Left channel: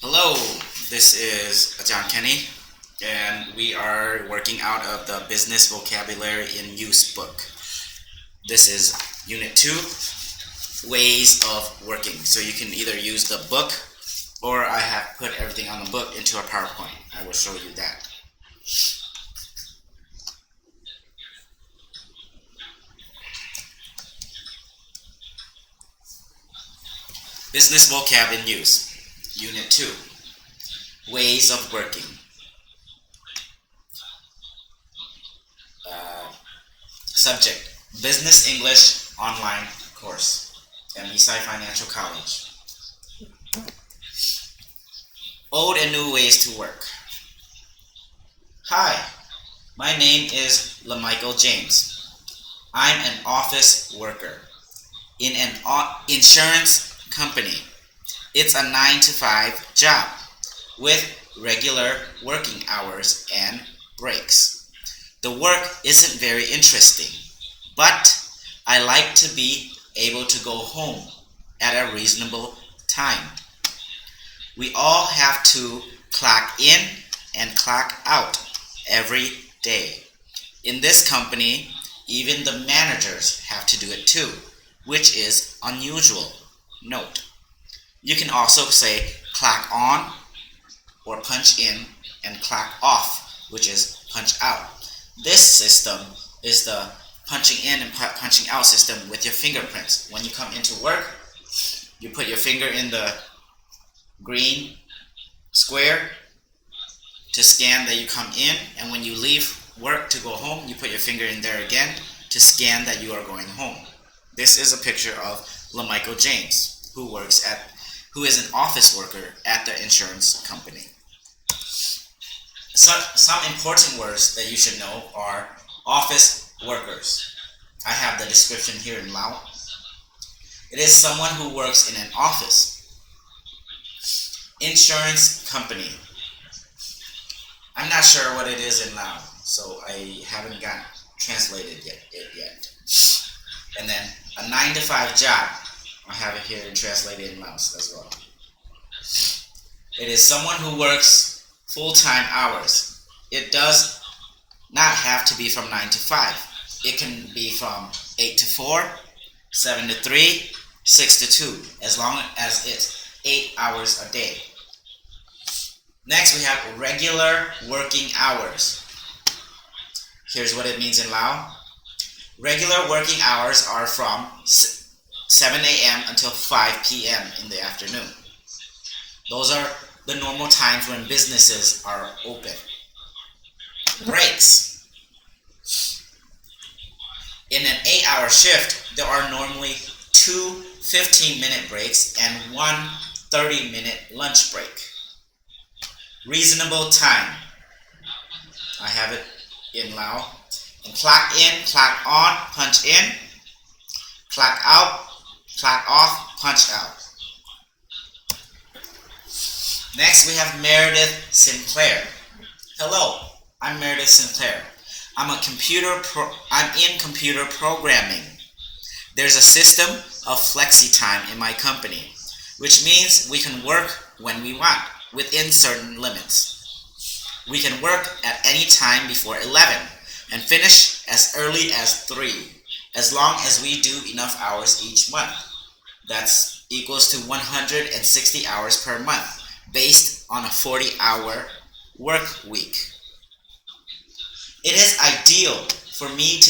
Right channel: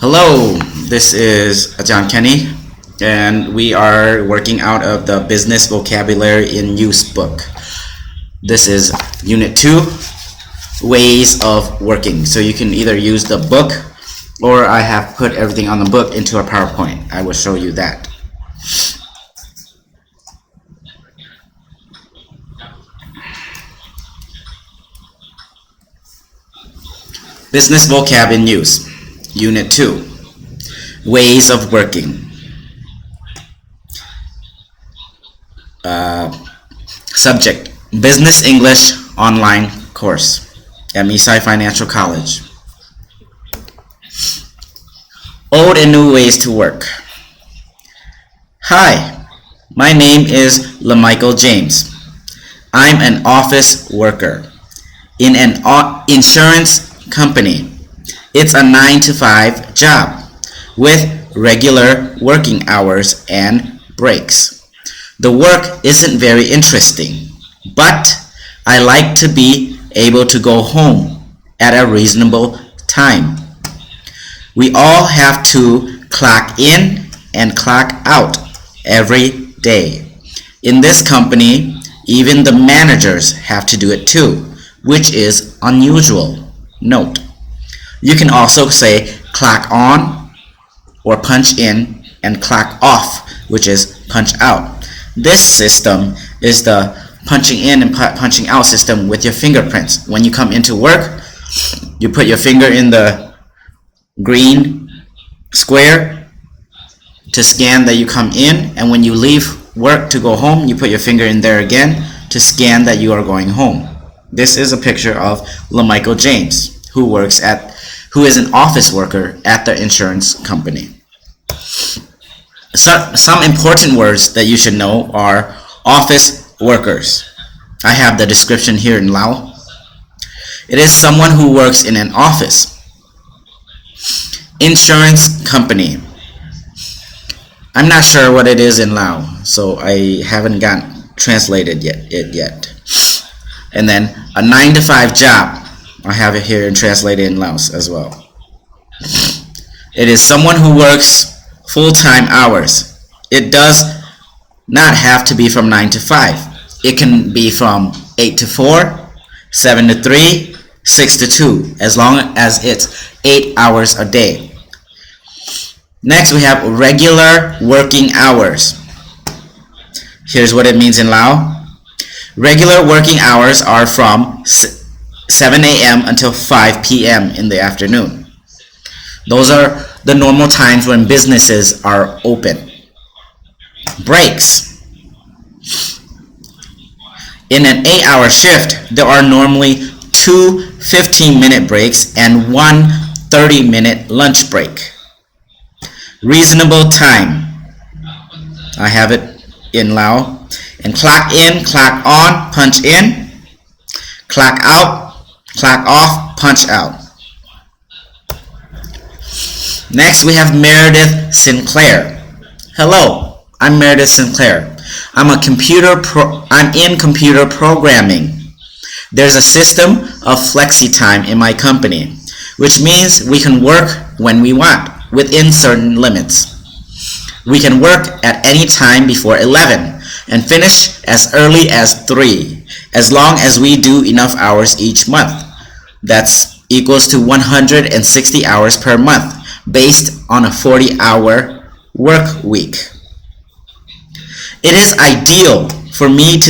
Hello, this is John Kenny, and we are working out of the Business Vocabulary in Use book. This is Unit 2, Ways of Working. So you can either use the book, or I have put everything on the book into a PowerPoint. I will show you that. Business Vocab in Use. Unit 2, Ways of Working. Subject, Business English Online Course at Misai Financial College. Old and New Ways to Work. Hi, my name is LaMichael James. I'm an office worker in an insurance company. It's a 9-to-5 job with regular working hours and breaks. The work isn't very interesting, but I like to be able to go home at a reasonable time. We all have to clock in and clock out every day. In this company, even the managers have to do it too, which is unusual. Note. You can also say clock on or punch in and clock off, which is punch out. This system is the punching in and punching out system with your fingerprints. When you come into work, you put your finger in the green square to scan that you come in, and when you leave work to go home, you put your finger in there again to scan that you are going home. This is a picture of LaMichael James, who is an office worker at the insurance company. Some important words that you should know are office workers. I have the description here in Lao. It is someone who works in an office. Insurance company. I'm not sure what it is in Lao, so I haven't gotten translated yet. And then a 9-to-5 job. I have it here and translated in Laos as well. It is someone who works full-time hours. It does not have to be from 9 to 5. It can be from 8 to 4, 7 to 3, 6 to 2, as long as it's 8 hours a day. Next, we have regular working hours. Here's what it means in Lao. Regular working hours are from 7 a.m. until 5 p.m. in the afternoon. Those are the normal times when businesses are open. Breaks. In an 8-hour shift, there are normally 2 15-minute breaks and 1 30-minute lunch break. Reasonable time. I have it in Lao. And clock in, clock on, punch in. Clock out, clock off, punch out. Next, we have Meredith Sinclair. Hello, I'm Meredith Sinclair. I'm in computer programming. There's a system of flexi time in my company, which means we can work when we want within certain limits. We can work at any time before 11 and finish as early as 3, as long as we do enough hours each month. That's equals to 160 hours per month, based on a 40-hour work week. It is ideal for me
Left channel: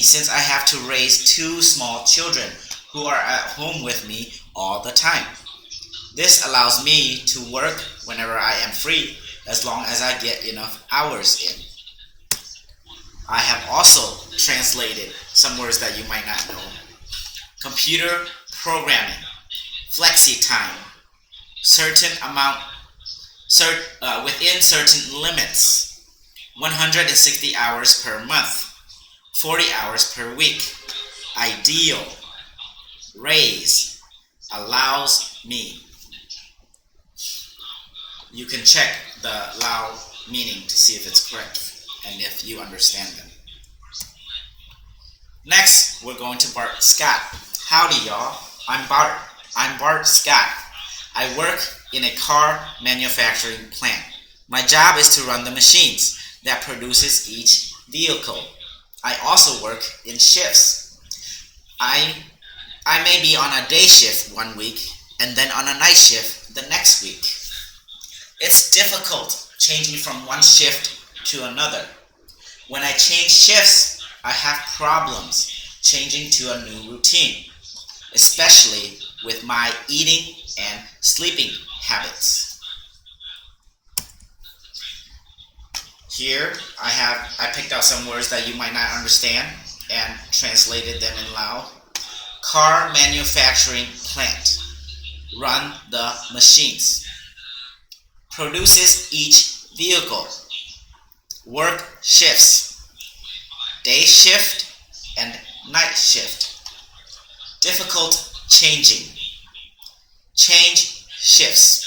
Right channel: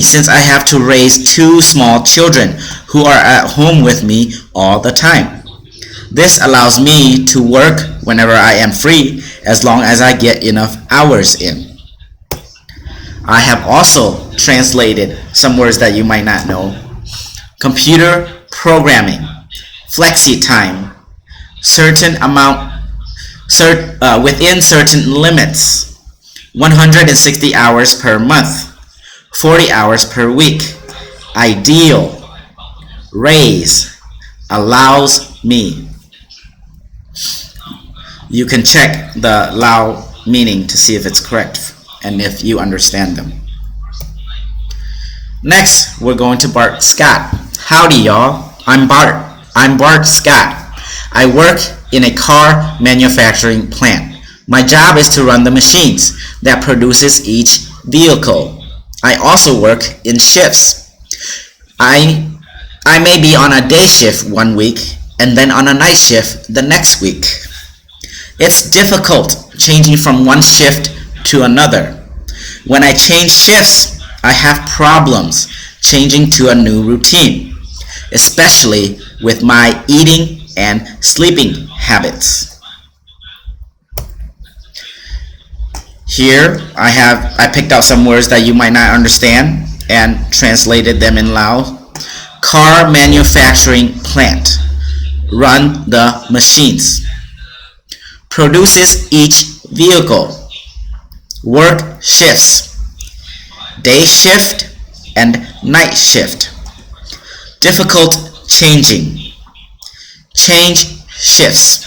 since I have to raise 2 small children who are at home with me all the time. This allows me to work whenever I am free, as long as I get enough hours in. I have also translated some words that you might not know. Computer programming, flexi time, within certain limits, 160 hours per month, 40 hours per week, ideal, raise, allows me. You can check the Lao meaning to see if it's correct and if you understand them. Next, we're going to Bart Scott. Howdy, y'all. I'm Bart Scott. I work in a car manufacturing plant. My job is to run the machines that produces each vehicle. I also work in shifts. I may be on a day shift one week and then on a night shift the next week. It's difficult changing from one shift to another. When I change shifts, I have problems changing to a new routine, especially with my eating and sleeping habits. Here I picked out some words that you might not understand and translated them in Lao. Car manufacturing plant. Run the machines. Produces each vehicle. Work shifts. Day shift and night shift. Difficult changing. Change shifts.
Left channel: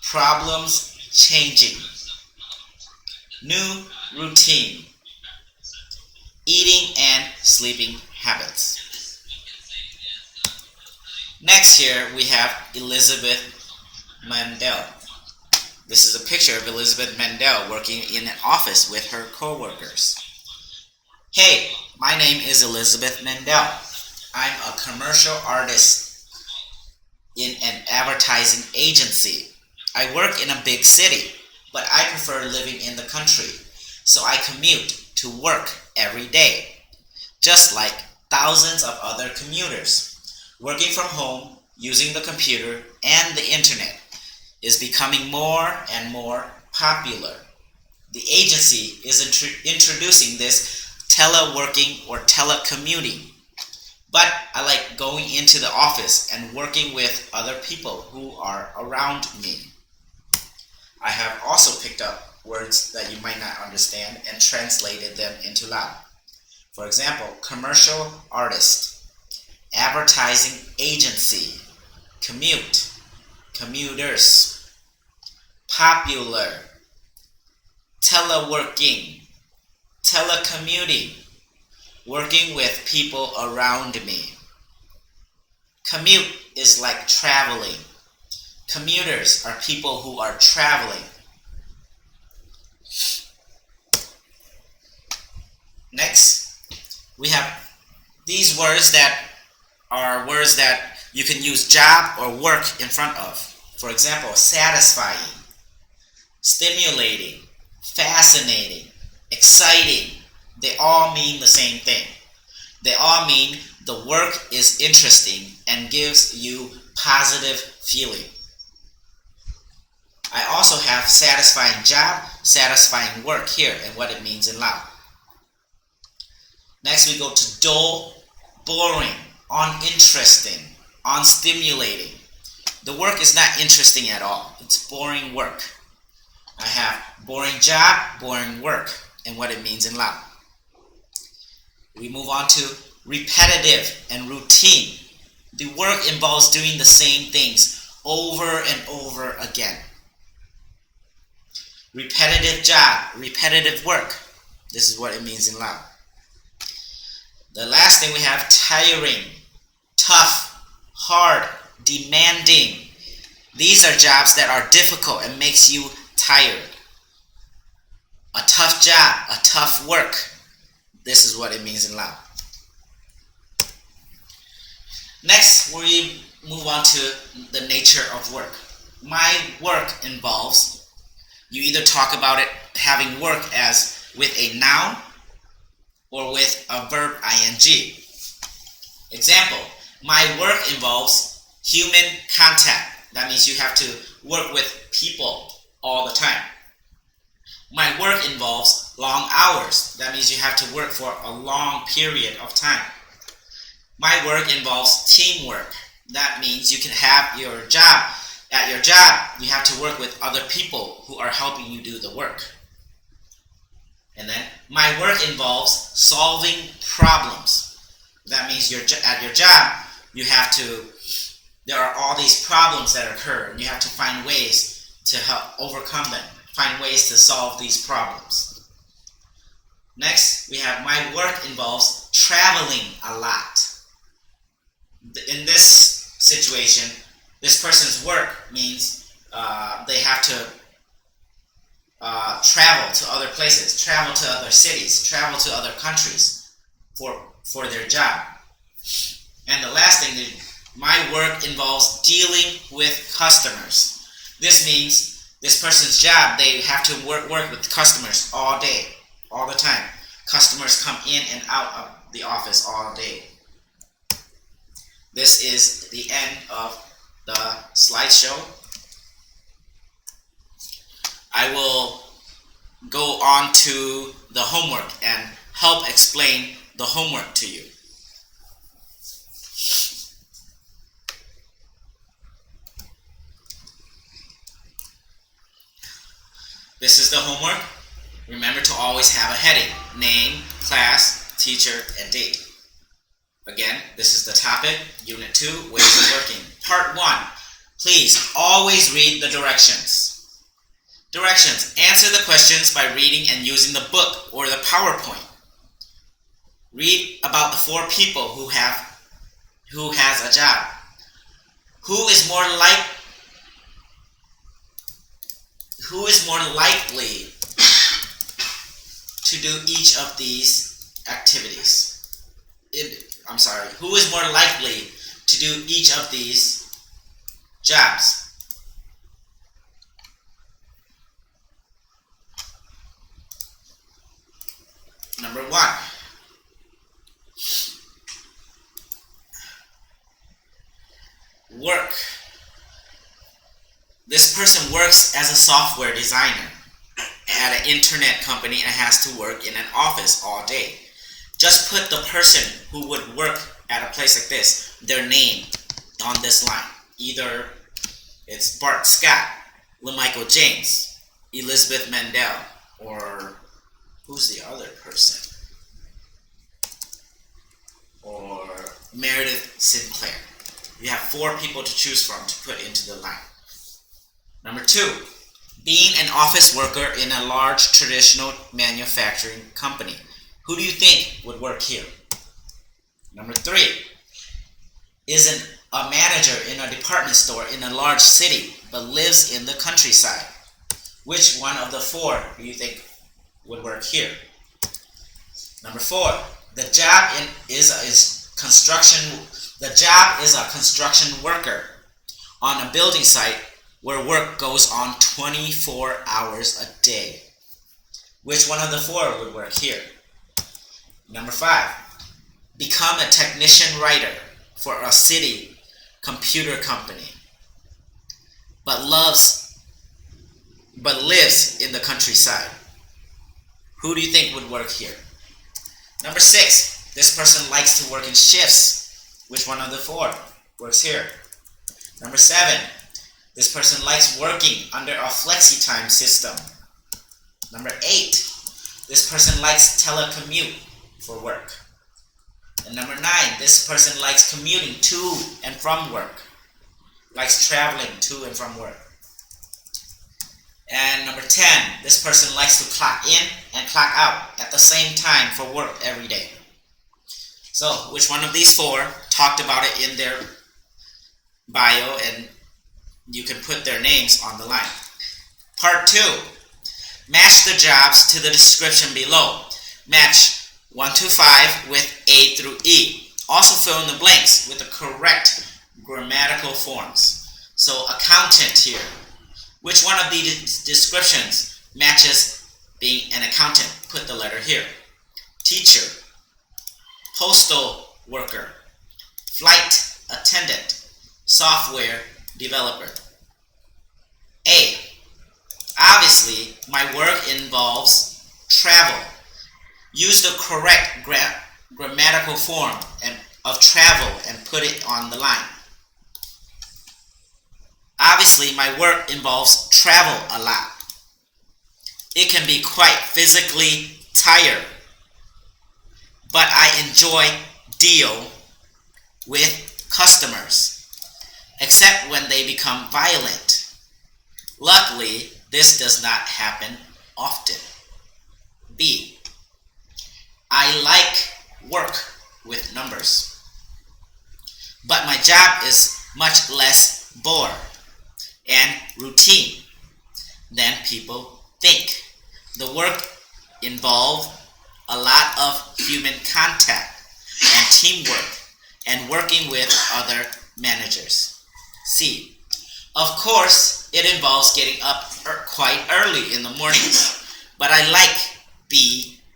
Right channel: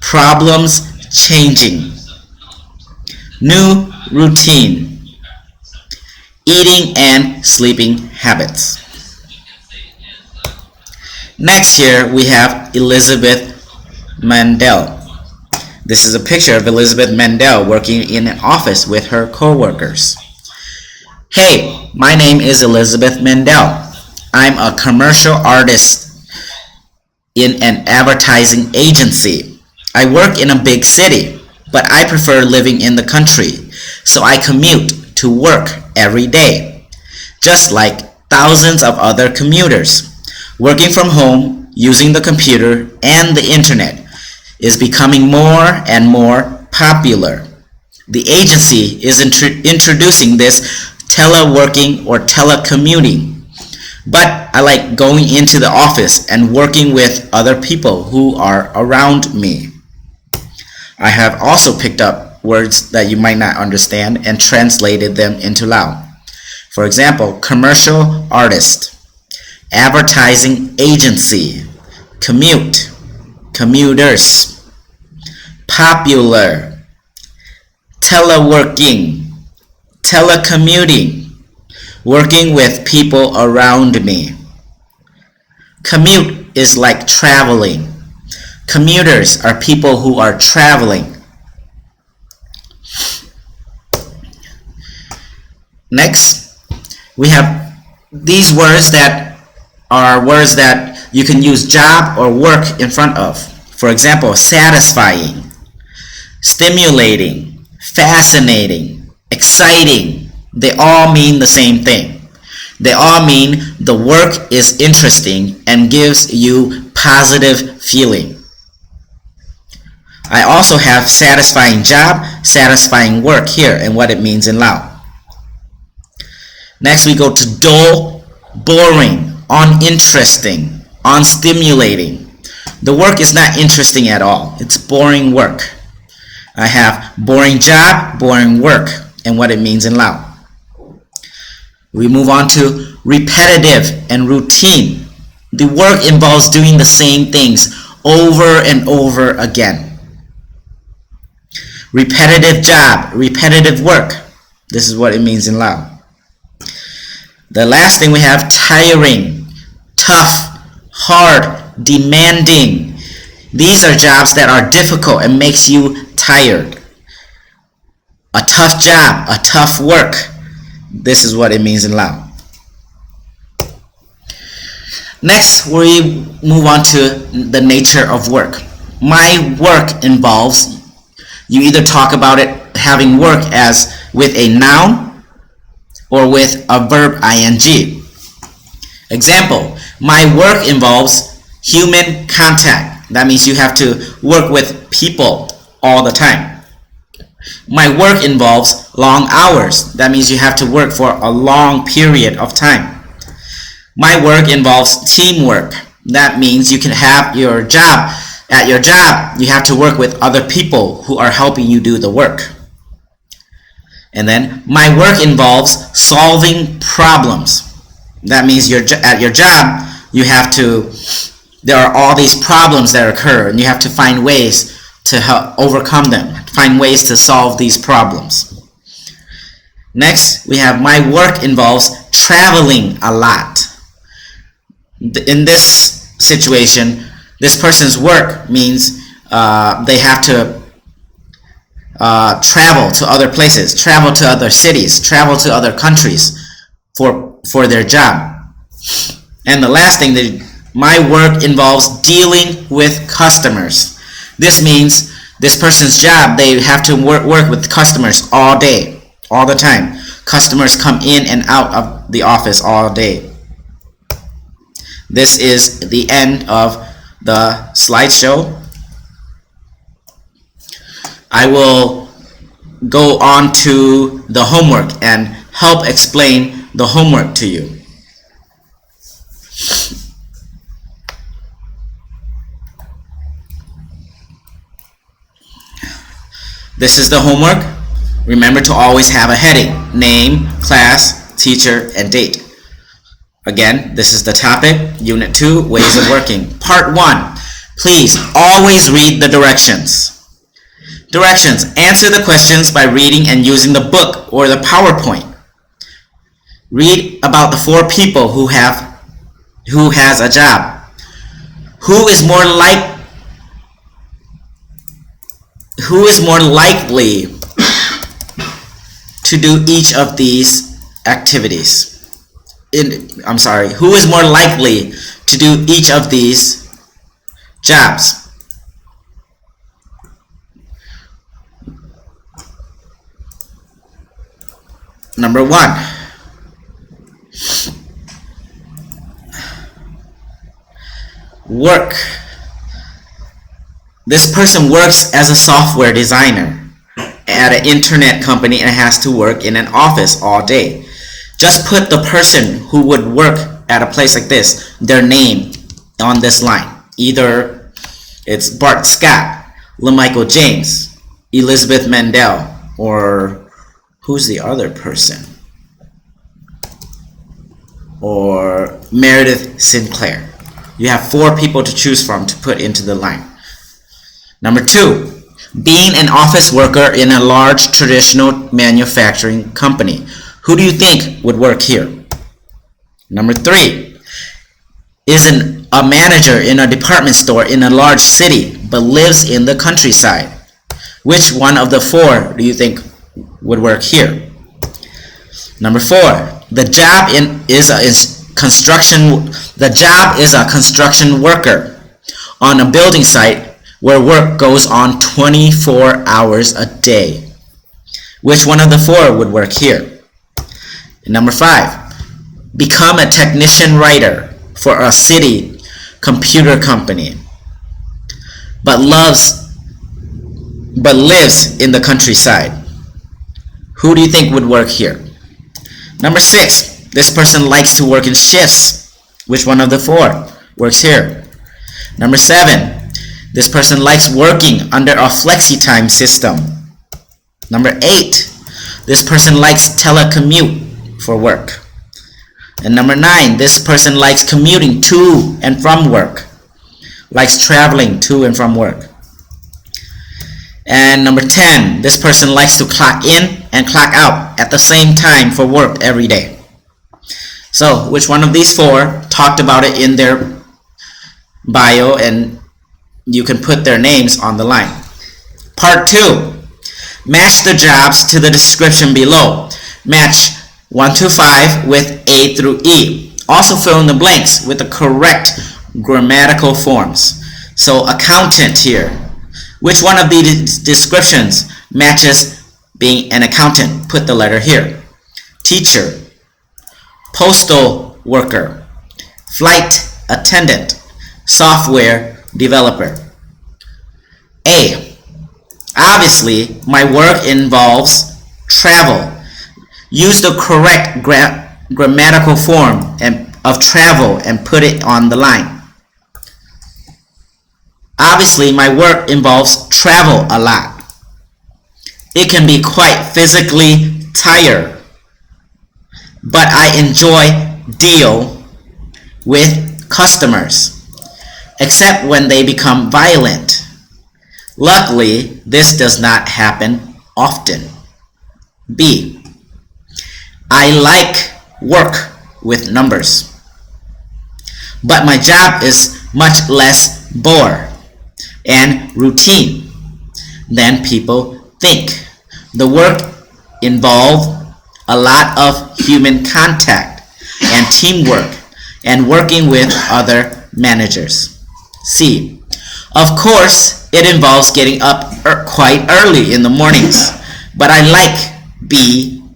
Problems changing. New routine. Eating and sleeping habits. Next here we have Elizabeth Mandel. This is a picture of Elizabeth Mandel working in an office with her co-workers. Hey, my name is Elizabeth Mandel. I'm a commercial artist in an advertising agency. I work in a big city, but I prefer living in the country, so I commute to work every day, just like thousands of other commuters. Working from home, using the computer and the internet is becoming more and more popular. The agency is introducing this teleworking or telecommuting, but I like going into the office and working with other people who are around me. I have also picked up words that you might not understand and translated them into Lao. For example, commercial artist, advertising agency, commute, commuters, popular, teleworking, telecommuting, working with people around me. Commute is like traveling. Commuters are people who are traveling. Next, we have these words that are words that you can use job or work in front of. For example, satisfying, stimulating, fascinating, exciting. They all mean the same thing. They all mean the work is interesting and gives you positive feeling. I also have satisfying job, satisfying work here and what it means in Lao. Next we go to dull, boring, uninteresting, unstimulating. The work is not interesting at all. It's boring work. I have boring job, boring work, and what it means in Lao. We move on to repetitive and routine. The work involves doing the same things over and over again. Repetitive job, repetitive work. This is what it means in Lao. The last thing we have tiring, tough, hard, demanding. These are jobs that are difficult and makes you tired. A tough job, a tough work. This is what it means in Lao. Next, we move on to the nature of work. My work involves, you either talk about it having work as with a noun or with a verb ing. Example, my work involves human contact. That means you have to work with people all the time. My work involves long hours. That means you have to work for a long period of time. My work involves teamwork. That means you can have your job. At your job, you have to work with other people who are helping you do the work. And then, my work involves solving problems. That means at your job, there are all these problems that occur, and you have to find ways to help overcome them, find ways to solve these problems. Next, we have my work involves traveling a lot. In this situation, This person's work means they have to travel to other places, travel to other cities, travel to other countries for their job. And the last thing, my work involves dealing with customers. This means this person's job, they have to work with customers all day, all the time. Customers come in and out of the office all day. This is the end of the slideshow. I will go on to the homework and help explain the homework to you. This is the homework. Remember to always have a heading: name, class, teacher, and date. Again, this is the topic, Unit 2, Ways of Working. Part 1, please always read the directions. Directions: answer the questions by reading and using the book or the PowerPoint. Read about the 4 people who has a job. Who is more likely to do each of these activities? Who is more likely to do each of these jobs? Number 1. Work. This person works as a software designer at an internet company and has to work in an office all day. Just put the person who would work at a place like this, their name, on this line. Either it's Bart Scott, LaMichael James, Elizabeth Mandel, or who's the other person? Or Meredith Sinclair. You have 4 people to choose from to put into the line. Number 2, being an office worker in a large traditional manufacturing company. Who do you think would work here? Number 3, is a manager in a department store in a large city but lives in the countryside. Which one of the 4 do you think would work here? Number 4, the job is a construction worker on a building site where work goes on 24 hours a day. Which one of the 4 would work here? And number 5, become a technician writer for a city computer company, but lives in the countryside. Who do you think would work here? Number 6, this person likes to work in shifts. Which one of the 4 works here? Number 7, this person likes working under a flexi-time system. Number 8, this person likes telecommute for work. And number 9, this person likes commuting to and from work, likes traveling to and from work. And number 10, this person likes to clock in and clock out at the same time for work every day. So, which one of these 4 talked about it in their bio, and you can put their names on the line. Part 2, match the jobs to the description below. Match 1 to 5 with A through E. Also fill in the blanks with the correct grammatical forms. So accountant here. Which one of these descriptions matches being an accountant? Put the letter here. Teacher, postal worker, flight attendant, software developer. A, obviously my work involves travel. Use the correct grammatical form of travel and put it on the line. Obviously, my work involves travel a lot. It can be quite physically tiring, but I enjoy deal with customers, except when they become violent. Luckily, this does not happen often. B, I like work with numbers, but my job is much less bore, and routine. Then people think. The work involved a lot of human contact and teamwork and working with other managers. C. Of course, it involves getting up quite early in the mornings, but I like being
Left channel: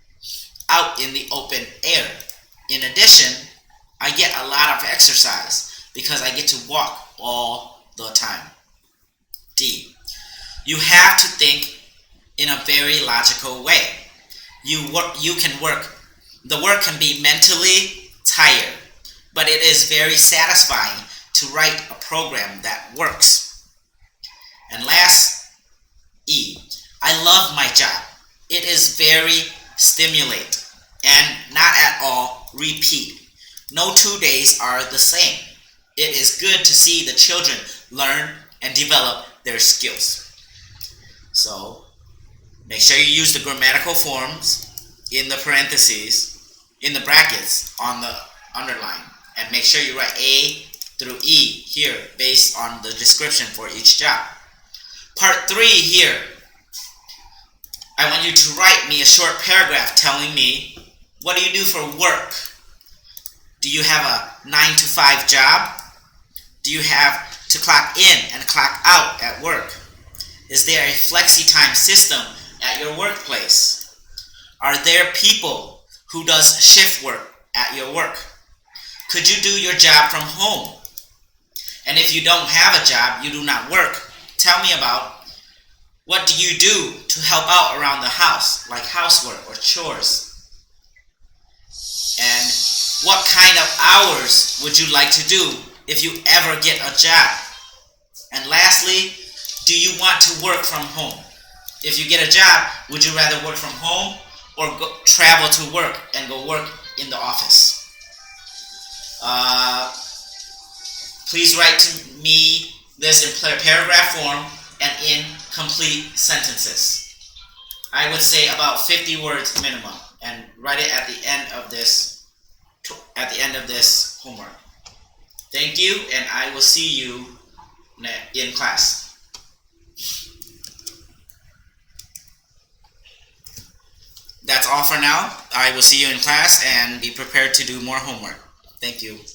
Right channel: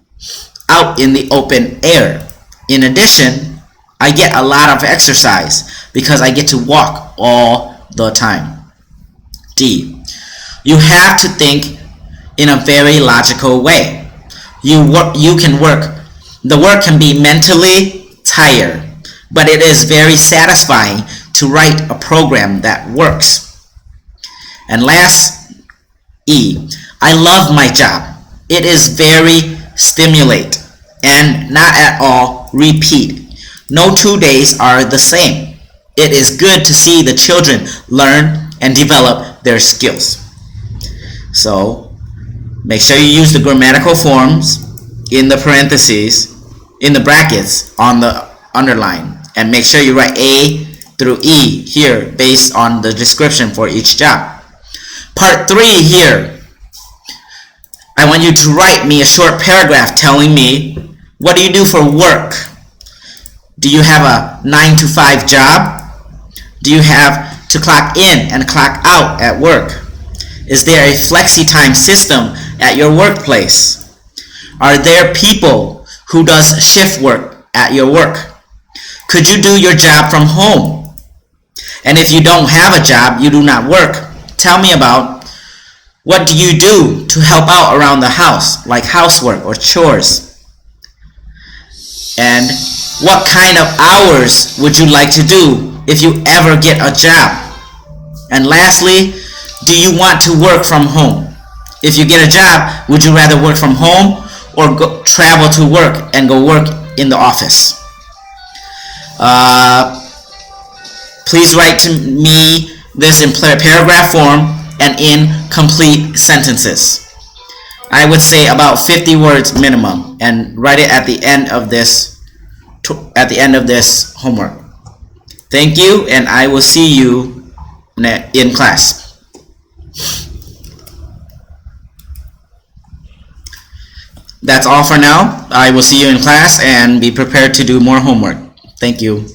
out in the open air. In addition, I get a lot of exercise because I get to walk all the time. D. You have to think in a very logical way. You can work. The work can be mentally tired, but it is very satisfying to write a program that works. And last, E. I love my job. It is very stimulating and not at all repeat. No 2 days are the same. It is good to see the children learn and develop their skills. So make sure you use the grammatical forms in the parentheses, in the brackets on the underline, and make sure you write A through E here based on the description for each job. Part 3 here, I want you to write me a short paragraph telling me, what do you do for work? Do you have a 9 to 5 job? Do you have to clock in and clock out at work? Is there a flexi time system at your workplace? Are there people who does shift work at your work? Could you do your job from home? And if you don't have a job, you do not work, tell me about what do you do to help out around the house, like housework or chores? And what kind of hours would you like to do if you ever get a job? And lastly, do you want to work from home? If you get a job, would you rather work from home or travel to work and go work in the office? Please write to me this in paragraph form and in complete sentences. I would say about 50 words minimum, and write it at the end of this homework. Thank you, and I will see you in class. That's all for now. I will see you in class, and be prepared to do more homework. Thank you.